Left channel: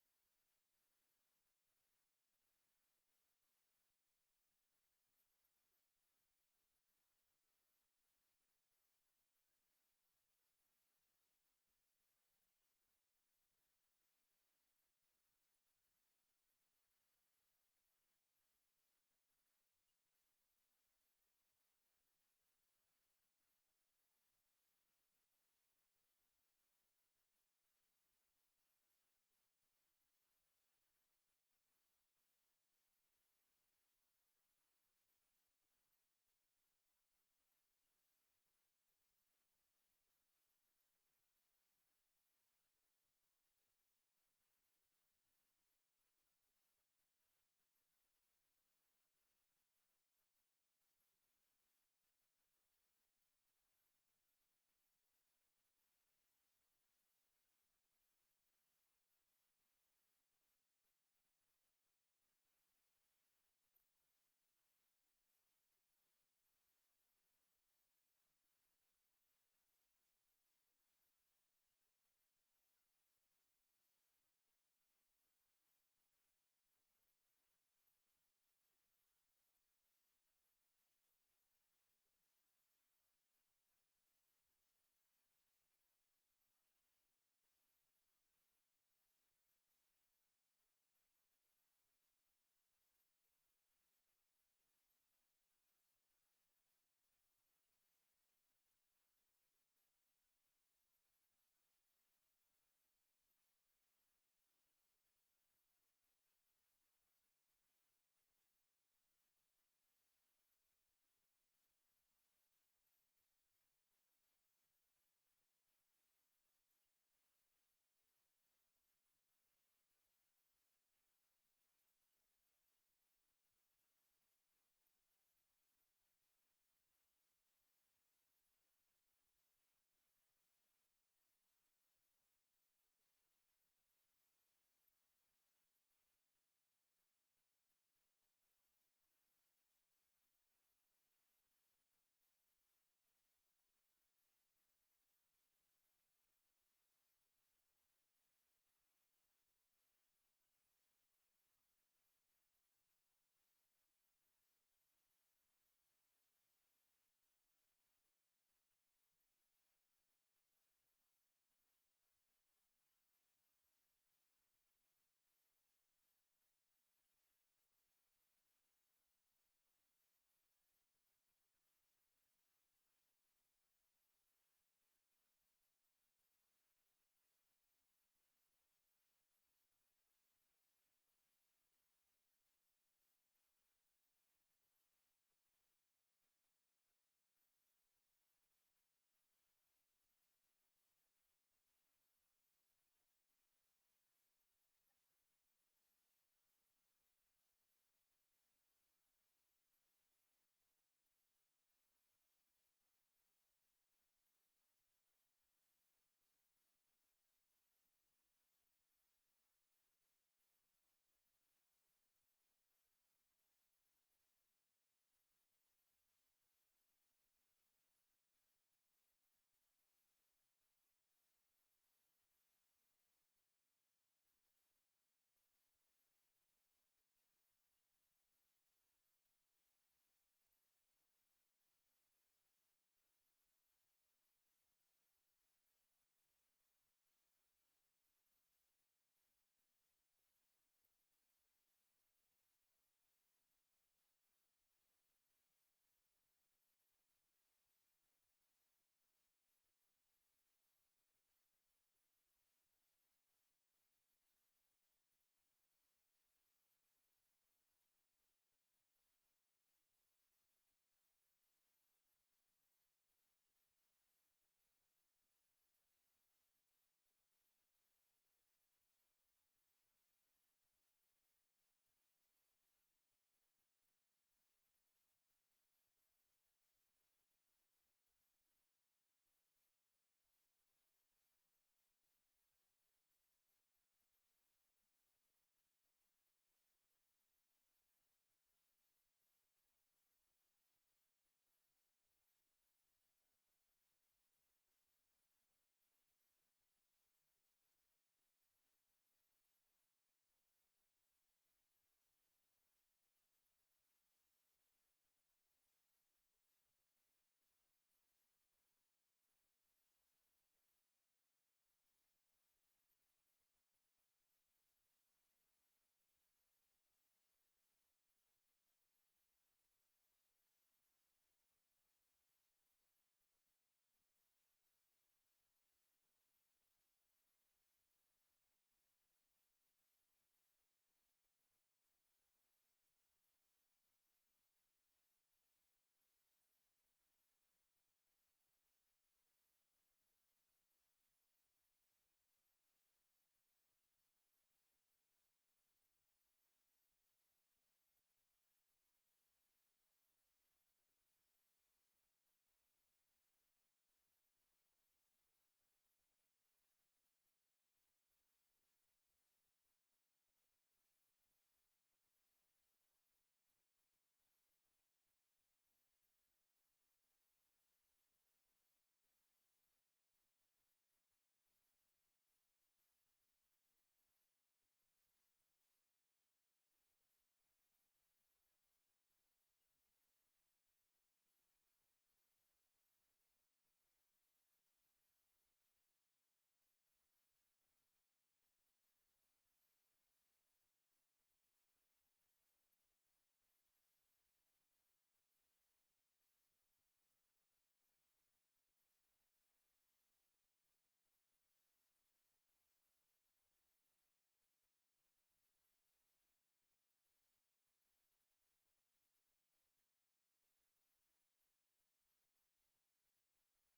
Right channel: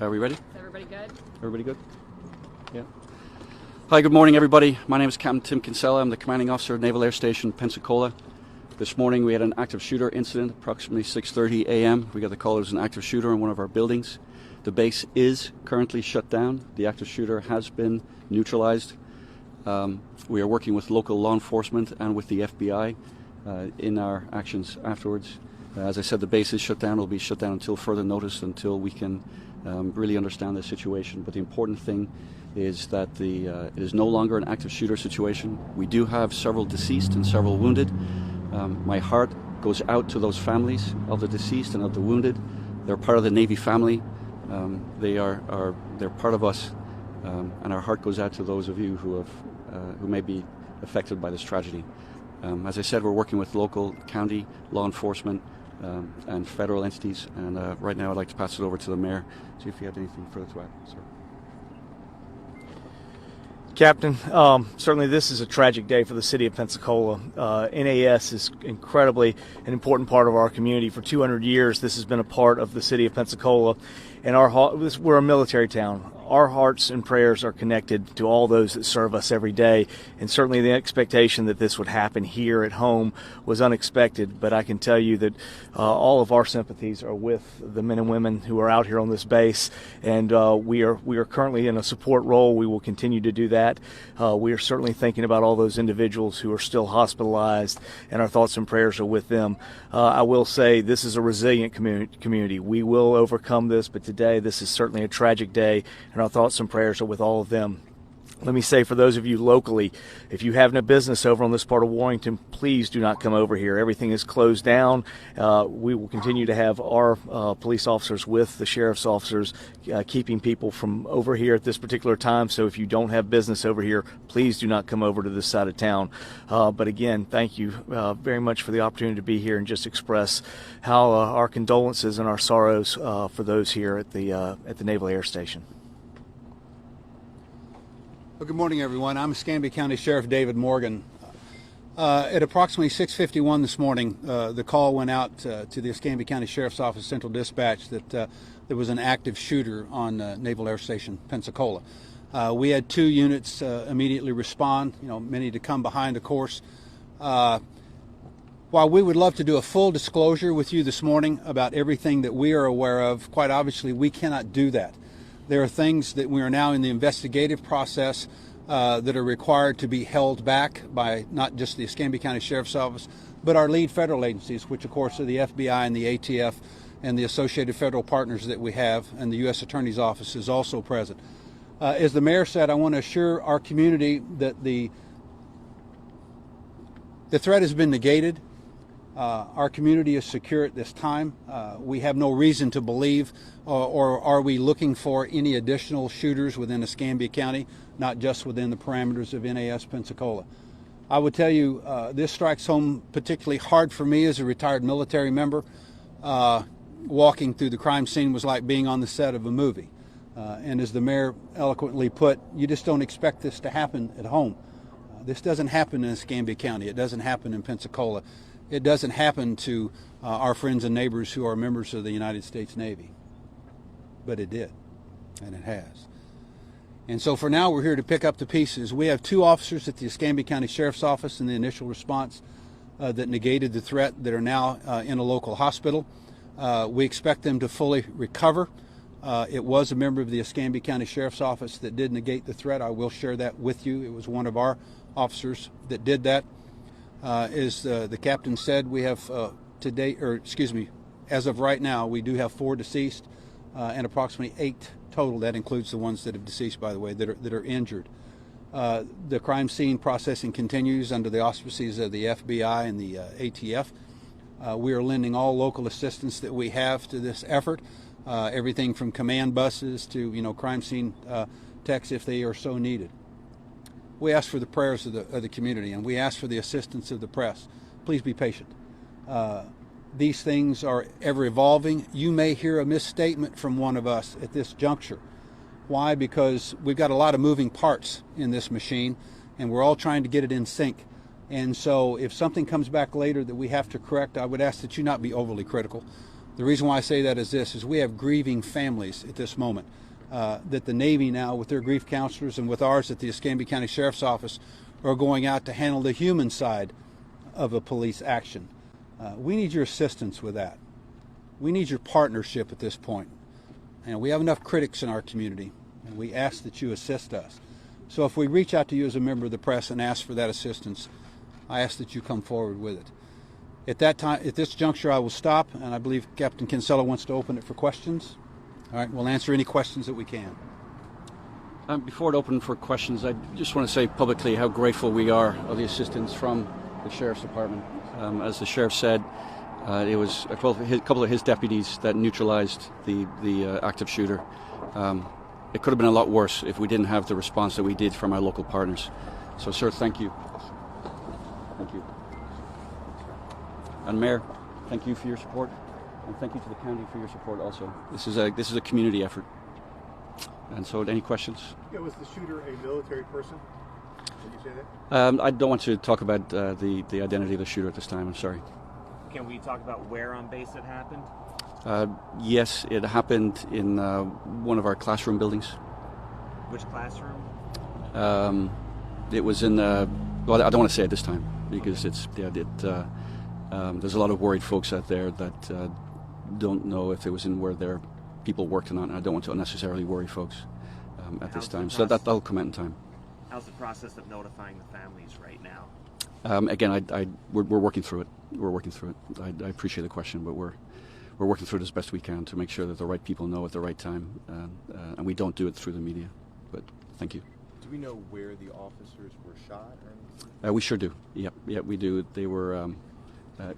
Are we ready? Is everybody good? Everybody good? Yeah. Hi, good morning, everybody. My name is Captain Tim Kinsella. I'm the commanding officer of Naval Air Station, Pensacola. This morning we had an active shooter incident, approximately 6:30 a.m. We got the call it was an active shooter in one of our buildings. The base is currently shut down. The active shooter has been neutralized. We are working with local law enforcement and with the FBI in our actions afterwards. As I said, the base is shut down. It will be shut down until further notice, until we can really understand the situation. But the important thing is that it is no longer an active shooter situation. We do have several deceased and several wounded. My heart goes out to those families of the deceased and of the wounded. They're part of the Navy family. They're part of us, and our heart goes out to those of you who may be affected by this tragedy. As I said, we're working with local, county, law enforcement, and federal entities. And right now, I'd like to pass it over to the mayor. See if you have anything further to add, sir. Captain, certainly this is a tragic day for the city of Pensacola. NAS is incredibly an important part of our community. For 200 years, this has been a part of the city of Pensacola, and we're a military town. Our hearts and prayers are connected to all those that serve us every day, and certainly the expectation that this would happen here at home was unexpected. But I can tell you that all of our sympathies are with the men and women who are out here on this base, and we are currently in a support role. We will continue to do that. We are certainly thinking about all those individuals who are still hospitalized, and our thoughts and prayers are with them. I will say this is a resilient community. We will overcome this, but today this is certainly a tragic day, and our thoughts and prayers are with all of them. Let me say, for those of you locally, if you have no business over on this part of Warrington, please do not come over here. Everything is closed down. We will continue to have our police officers with the sheriff's officers keeping people from over here at this particular time. So if you don't have business over here, please do not come over to this side of town. But again, thank you very much for the opportunity to be here and just express how our condolences and our sorrows for those here at the Naval Air Station. Well, good morning, everyone. I'm Escambia County Sheriff David Morgan. At approximately 6:51 this morning, the call went out to the Escambia County Sheriff's Office Central Dispatch that there was an active shooter on Naval Air Station, Pensacola. We had 2 units immediately respond, many to come behind, of course. While we would love to do a full disclosure with you this morning about everything that we are aware of, quite obviously we cannot do that. There are things that we are now in the investigative process that are required to be held back by not just the Escambia County Sheriff's Office, but our lead federal agencies, which of course are the FBI and the ATF and the associated federal partners that we have, and the U.S. Attorney's Office is also present. As the mayor said, I want to assure our community that the threat has been negated. Our community is secure at this time. We have no reason to believe or are we looking for any additional shooters within Escambia County, not just within the parameters of NAS Pensacola. I would tell you this strikes home particularly hard for me as a retired military member. Walking through the crime scene was like being on the set of a movie. And as the mayor eloquently put, you just don't expect this to happen at home. This doesn't happen in Escambia County. It doesn't happen in Pensacola. It doesn't happen to our friends and neighbors who are members of the United States Navy. But it did, and it has. And so for now, we're here to pick up the pieces. We have 2 officers at the Escambia County Sheriff's Office in the initial response that negated the threat that are now in a local hospital. We expect them to fully recover. It was a member of the Escambia County Sheriff's Office that did negate the threat. I will share that with you. It was one of our officers that did that. As the captain said, we have as of right now, we do have 4 deceased and approximately 8 total. That includes the ones that have deceased, by the way, that are injured. The crime scene processing continues under the auspices of the FBI and the ATF. We are lending all local assistance that we have to this effort, everything from command buses to crime scene techs if they are so needed. We ask for the prayers of the community, and we ask for the assistance of the press. Please be patient. These things are ever evolving. You may hear a misstatement from one of us at this juncture. Why? Because we've got a lot of moving parts in this machine, and we're all trying to get it in sync. And so if something comes back later that we have to correct, I would ask that you not be overly critical. The reason why I say that is this, is we have grieving families at this moment. That the Navy now, with their grief counselors and with ours at the Escambia County Sheriff's Office, are going out to handle the human side of a police action. We need your assistance with that. We need your partnership at this point. And we have enough critics in our community, and we ask that you assist us. So if we reach out to you as a member of the press and ask for that assistance, I ask that you come forward with it. At that time, at this juncture, I will stop, and I believe Captain Kinsella wants to open it for questions. All right, we'll answer any questions that we can. Before it opened for questions, I just want to say publicly how grateful we are of the assistance from the Sheriff's Department. As the Sheriff said, it was a couple of his deputies that neutralized the active shooter. It could have been a lot worse if we didn't have the response that we did from our local partners. So, sir, thank you. Thank you. And Mayor, thank you for your support, and thank you to the county for your support also. This is a community effort. And so, any questions? Yeah, was the shooter a military person? Did you say that? I don't want to talk about the identity of the shooter at this time. I'm sorry. Can we talk about where on base it happened? Yes, it happened in one of our classroom buildings. Which classroom? It was in well, I don't want to say it this time because there's a lot of worried folks out there that don't know if it was in where their people worked or not, and I don't want to unnecessarily worry folks at this time. So that'll come out in time. How's the process of notifying the families right now? Again, we're working through it. We're working through it. I appreciate the question, but we're working through it as best we can to make sure that the right people know at the right time, and we don't do it through the media. But thank you. Do we know where the officers were shot or anything? We sure do. Yep, we do. They were.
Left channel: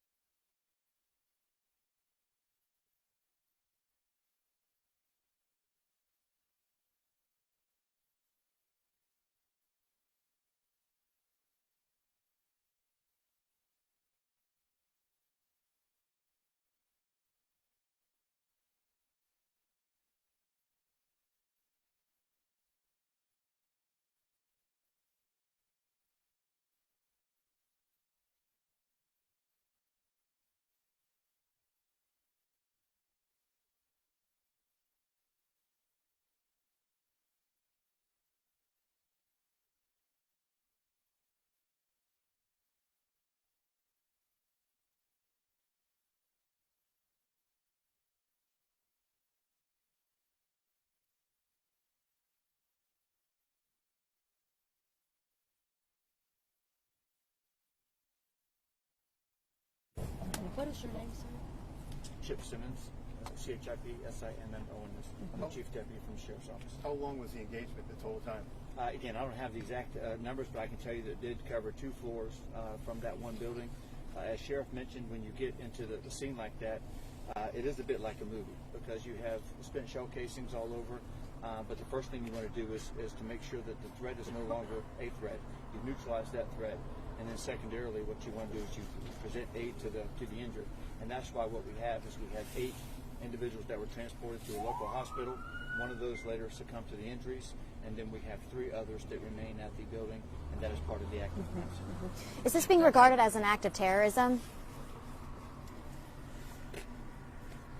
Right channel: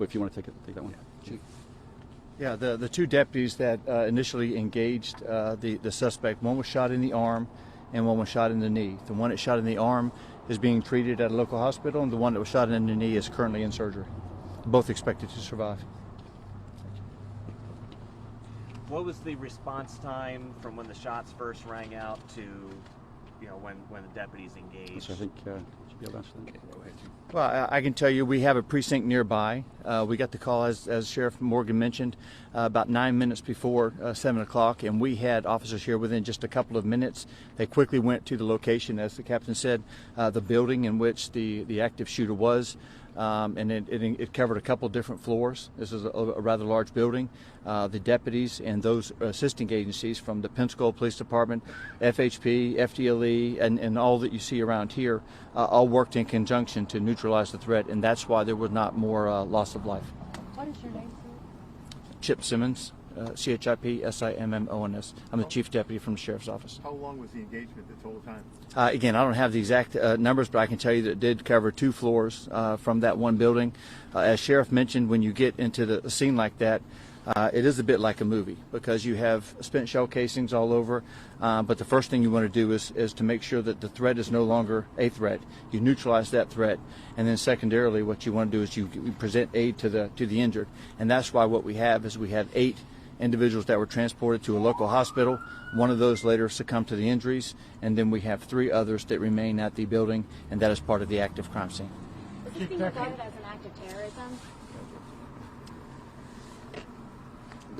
If you want to take that one. Yeah. Chief. Yeah, the two deputies that initially engaged the suspect, one was shot in the arm and one was shot in the knee. The one that shot in the arm is being treated at a local hospital, and the one that was shot in the knee is currently in surgery. Both expected to survive. What was the response time from when the shots first rang out to, when the deputies engaged? So I think you should be able to answer that. Go ahead, Chief. Well, I can tell you we have a precinct nearby. We got the call, as Sheriff Morgan mentioned, about 9 minutes before 7 o'clock, and we had officers here within just a couple of minutes. They quickly went to the location, as the captain said, the building in which the active shooter was, and it covered a couple different floors. This is a rather large building. The deputies and those assisting agencies from the Pensacola Police Department, FHP, FDLE, and all that you see around here all worked in conjunction to neutralize the threat, and that's why there was not more loss of life. What is your name, sir? Chip Simmons, CHIP-SIMMONS. I'm the Chief Deputy from the Sheriff's Office. How long was the engagement the total time? Again, I don't have the exact numbers, but I can tell you that it did cover 2 floors from that one building. As Sheriff mentioned, when you get into a scene like that, it is a bit like a movie because you have spent shell casings all over, but the first thing you want to do is to make sure that the threat is no longer a threat. You neutralize that threat, and then secondarily what you want to do is you present aid to the injured, and that's why what we have is we have 8 individuals that were transported to a local hospital. One of those later succumbed to the injuries, and then we have 3 others that remain at the building, and that is part of the active crime scene. Is this being regarded as an act of terrorism?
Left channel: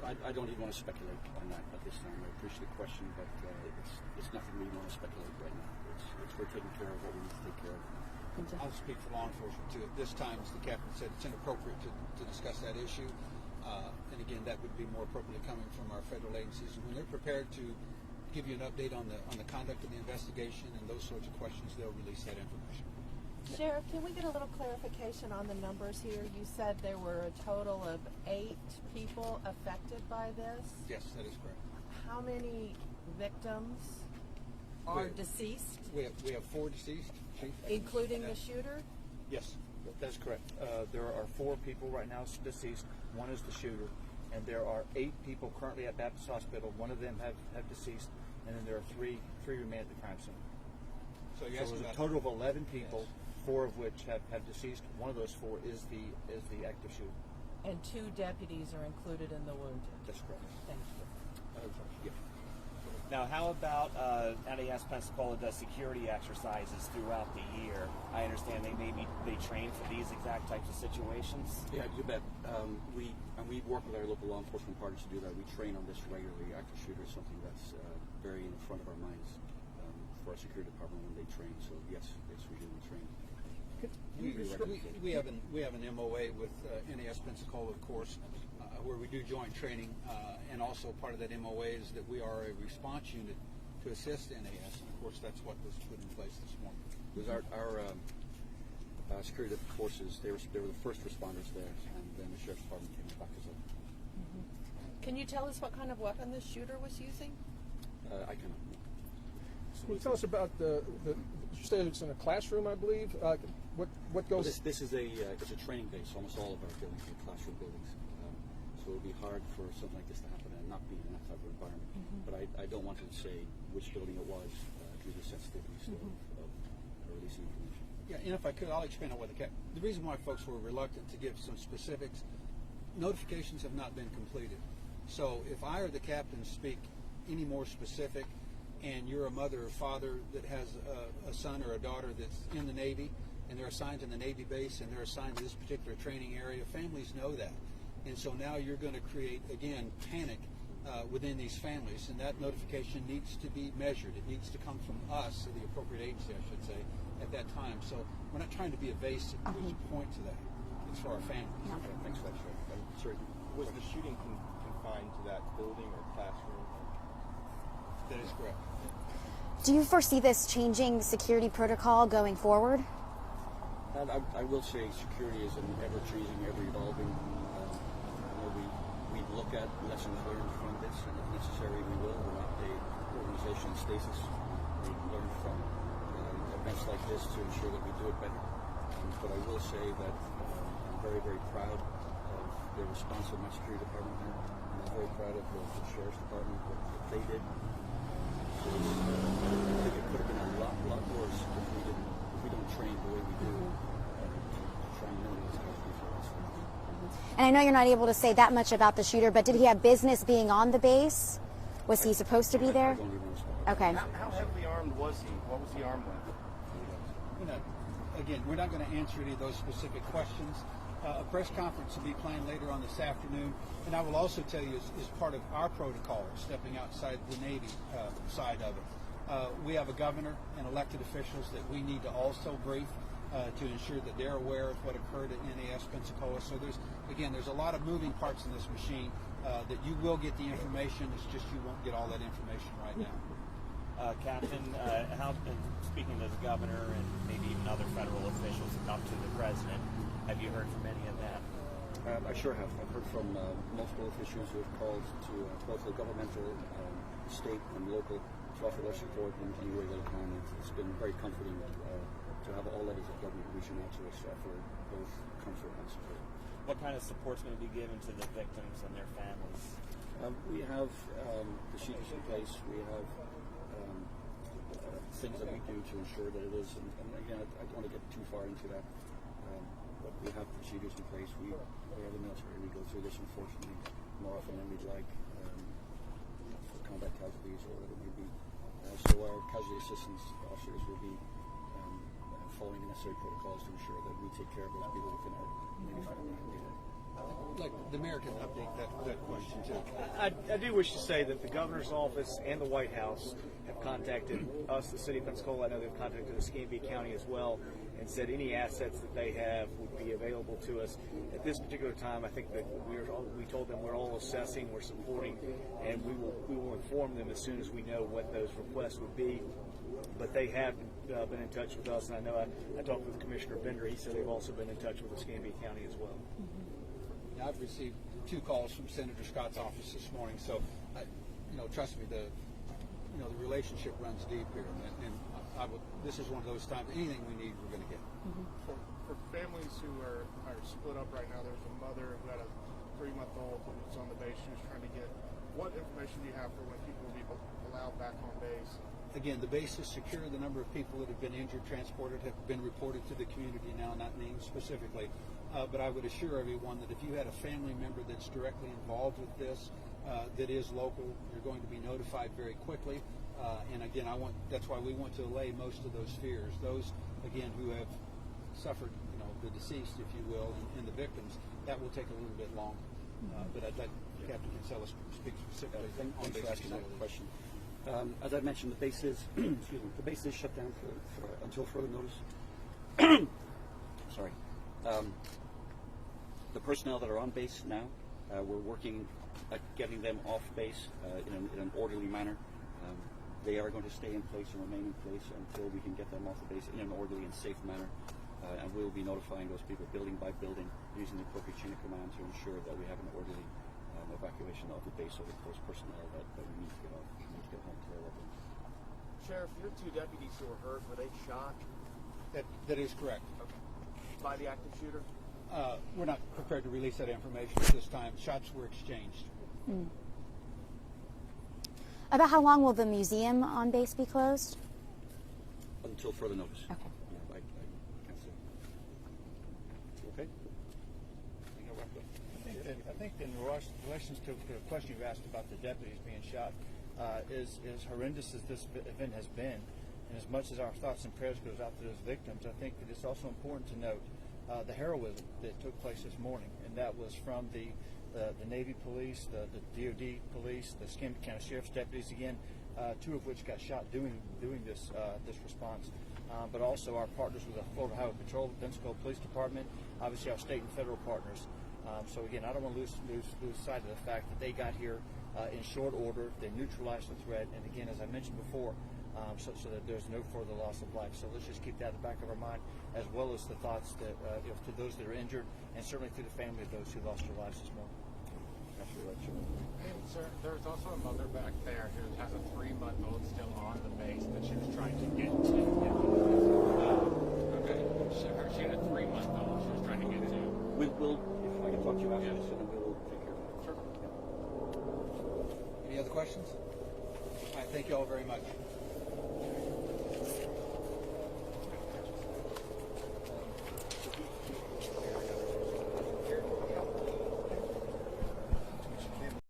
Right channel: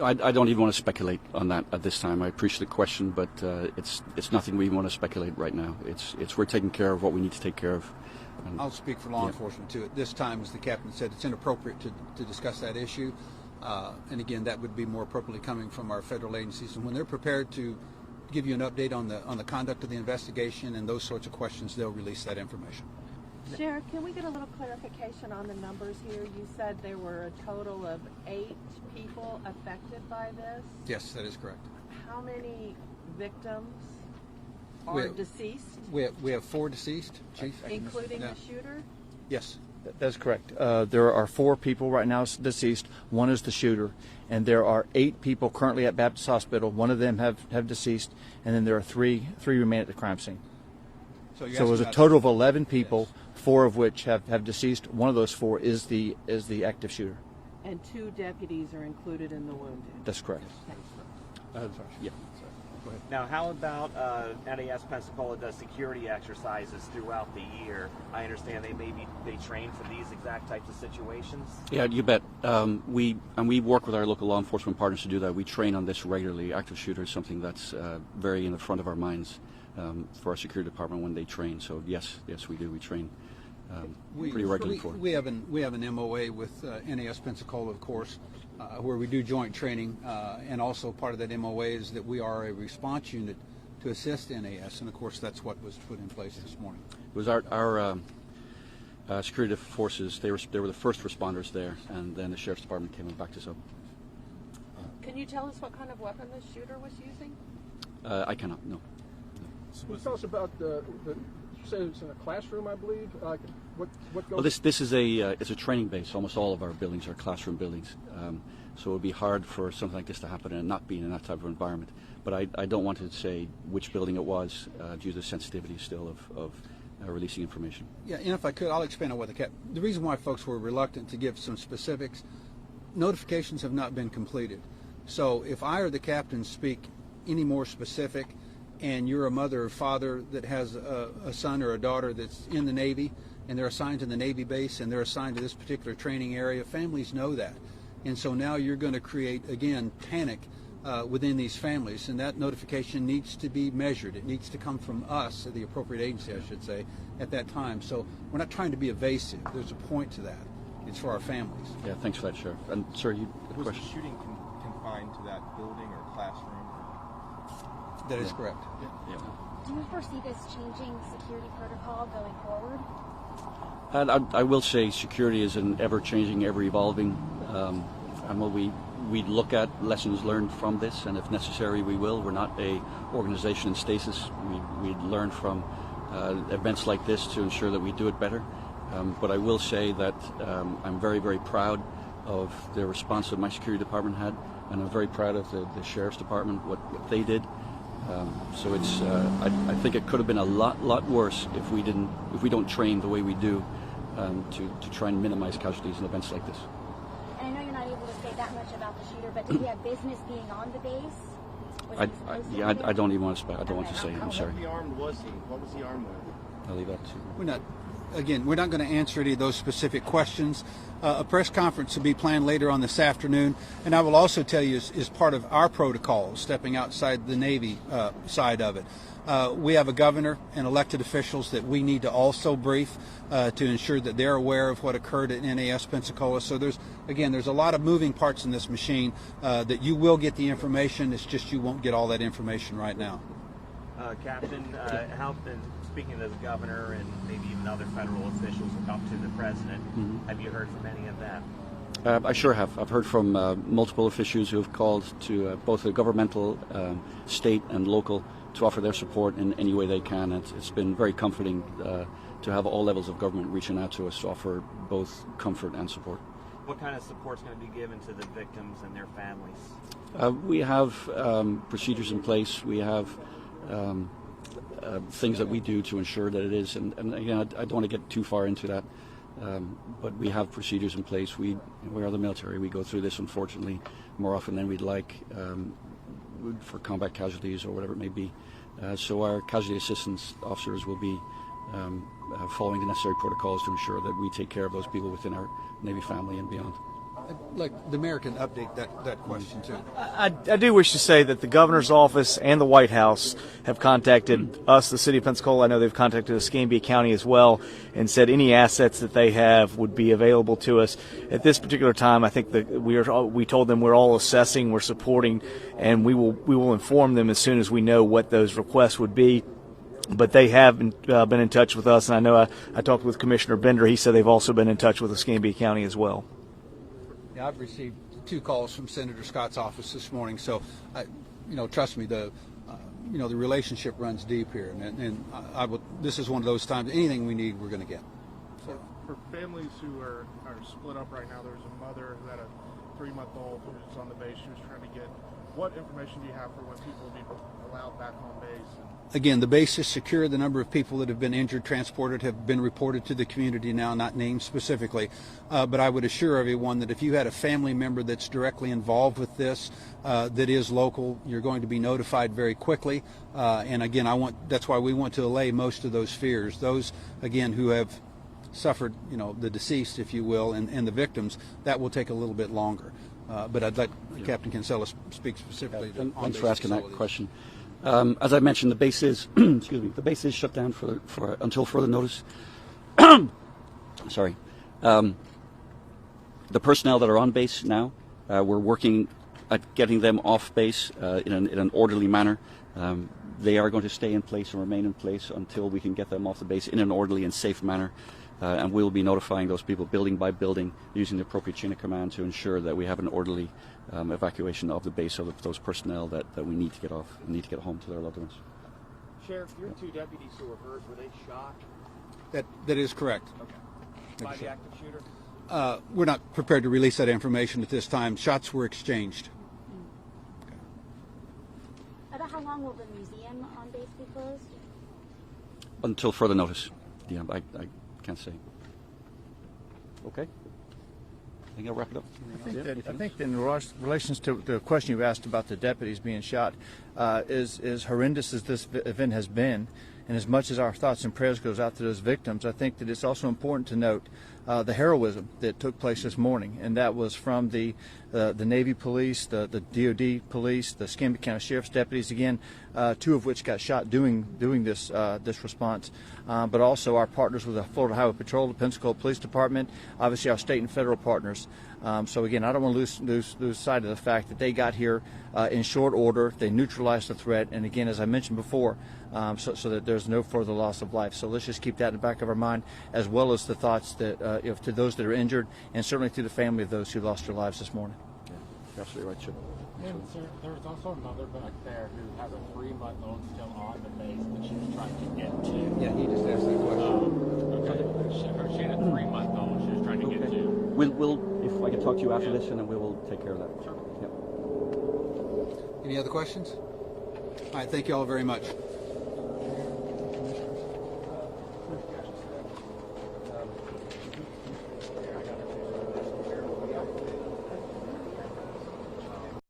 I don't even want to speculate on that at this time. I appreciate the question, but it's nothing we want to speculate right now. We're taking care of what we need to take care of. I'll speak for law enforcement too. At this time, as the captain said, it's inappropriate to discuss that issue. And again, that would be more appropriately coming from our federal agencies. And when they're prepared to give you an update on the conduct of the investigation and those sorts of questions, they'll release that information. Sheriff, can we get a little clarification on the numbers here? You said there were a total of 8 people affected by this. Yes, that is correct. How many victims are deceased? We have 4 deceased, Chief. Including the shooter? Yes. That's correct. There are 4 people right now deceased. 1 is the shooter, and there are 8 people currently at Baptist Hospital. 1 of them have deceased, and then there are 3 remain at the crime scene. So it was a total of 11 people, 4 of which have deceased. 1 of those 4 is the active shooter. And 2 deputies are included in the wounded. That's correct. Thank you. Yeah. Now, how about NAS Pensacola does security exercises throughout the year? I understand they train for these exact types of situations. Yeah, you bet. We work with our local law enforcement partners to do that. We train on this regularly. Active shooter is something that's very in the front of our minds for our security department when they train. So yes, we do. We train pretty regularly for it. We have an MOA with NAS Pensacola, of course, where we do joint training, and also part of that MOA is that we are a response unit to assist NAS, and of course that's what was put in place this morning. It was our security forces. They were the first responders there, and then the sheriff's department came and backed us up. Can you tell us what kind of weapon the shooter was using? I cannot. No. Can you tell us about you said it's in a classroom, I believe. What goes? Well, this is it's a training base. Almost all of our buildings are classroom buildings, so it would be hard for something like this to happen and not being in that type of environment. But I don't want to say which building it was due to the sensitivity still of releasing information. Yeah, and if I could, I'll expand on what the reason why folks were reluctant to give some specifics. Notifications have not been completed, so if I or the captain speak any more specific, and you're a mother or father that has a son or a daughter that's in the Navy, and they're assigned to the Navy base, and they're assigned to this particular training area, families know that. And so now you're going to create, again, panic within these families, and that notification needs to be measured. It needs to come from us, or the appropriate agency, I should say, at that time. So we're not trying to be evasive. There's a point to that. It's for our families. Yeah, thanks for that, Sheriff. And sir, you Was question? the shooting confined to that building or classroom? That is correct. Do you foresee this changing security protocol going forward? And I will say security is an ever-changing, ever-evolving, and we look at lessons learned from this, and if necessary, we will. We're not a organization in stasis. We learn from events like this to ensure that we do it better. But I will say that I'm very, very proud of the response that my security department had, and I'm very proud of the sheriff's department, what they did. So it's I think it could have been a lot worse if we don't train the way we do to try and minimize casualties in events like this. And I know you're not able to say that much about the shooter, but did he have business being on the base? Was he supposed to be there? I don't even want to I don't want to say. I'm sorry. How armed was he? What was he armed with? I'll leave that to We're not going to answer any of those specific questions. A press conference will be planned later on this afternoon, and I will also tell you, as part of our protocol, stepping outside the Navy side of it, we have a governor and elected officials that we need to also brief to ensure that they're aware of what occurred at NAS Pensacola. So there's a lot of moving parts in this machine that you will get the information. It's just you won't get all that information right now. Captain, speaking as a governor and maybe even other federal officials up to the president, have you heard from any of that? I sure have. I've heard from multiple officials who have called to both the governmental, state, and local to offer their support in any way they can. It's been very comforting to have all levels of government reaching out to us to offer both comfort and support. What kind of support is going to be given to the victims and their families? We have procedures in place. We have things that we do to ensure that it is, and again, I don't want to get too far into that, but we have procedures in place. We are the military. We go through this, unfortunately, more often than we'd like for combat casualties or whatever it may be. So our casualty assistance officers will be following the necessary protocols to ensure that we take care of those people within our Navy family and beyond. Like the mayor can update that question too. I do wish to say that the governor's office and the White House have contacted us, the city of Pensacola. I know they've contacted Escambia County as well, and said any assets that they have would be available to us. At this particular time, I think that we told them we're all assessing, we're supporting, and we will inform them as soon as we know what those requests would be. But they have been in touch with us, and I know I talked with Commissioner Bender. He said they've also been in touch with Escambia County as well. Yeah, I've received 2 calls from Senator Scott's office this morning, so trust me, the relationship runs deep here, and this is one of those times. Anything we need, we're going to get. So for families who are split up right now, there's a mother who had a 3-month-old who's on the base. She was trying to get. what information do you have for when people will be allowed back on base? Again, the base is secure. The number of people that have been injured, transported, have been reported to the community now, not named specifically. But I would assure everyone that if you had a family member that's directly involved with this, that is local, you're going to be notified very quickly. And again, that's why we want to allay most of those fears. Those, again, who have suffered, the deceased, if you will, and the victims, that will take a little bit longer. But I'd let Captain Kinsella speak specifically on Thanks base for asking that facilities. question. As I mentioned, the base is excuse me, the base is shut down for until further notice. Sorry. The personnel that are on base now, we're working at getting them off base in an orderly manner. They are going to stay in place and remain in place until we can get them off the base in an orderly and safe manner. And we'll be notifying those people building by building using the appropriate chain of command to ensure that we have an orderly evacuation of the base of those personnel that we need to get off and need to get home to their loved ones. Sheriff, your two deputies who were hurt, were they shot? That is correct. Okay. By the active shooter? We're not prepared to release that information at this time. Shots were exchanged. About how long will the museum on base be closed? Until further notice. Okay. Yeah, I can't say. Okay. I think I'll wrap it up. I think in relations to the question you asked about the deputies being shot, as horrendous as this event has been, and as much as our thoughts and prayers goes out to those victims, I think that it's also important to note the heroism that took place this morning, and that was from the Navy police, the DOD police, the Escambia County Sheriff's deputies, again, two of which got shot doing this response, but also our partners with the Florida Highway Patrol, the Pensacola Police Department, obviously our state and federal partners. So again, I don't want to lose sight of the fact that they got here in short order. They neutralized the threat, and again, as I mentioned before, so that there's no further loss of life. So let's just keep that in the back of our mind, as well as the thoughts that to those that are injured, and certainly to the family of those who lost their lives this morning. You're absolutely right, Chip. And sir, there's also a mother back there who has a 3-month-old still on the base that she was trying to get to. Yeah, he just asked that question. Okay. She had a 3-month-old she was trying to get to. We'll if I can talk to you after this, and then we will take care of that. Sure. Yeah. Any other questions? All right, thank you all very much.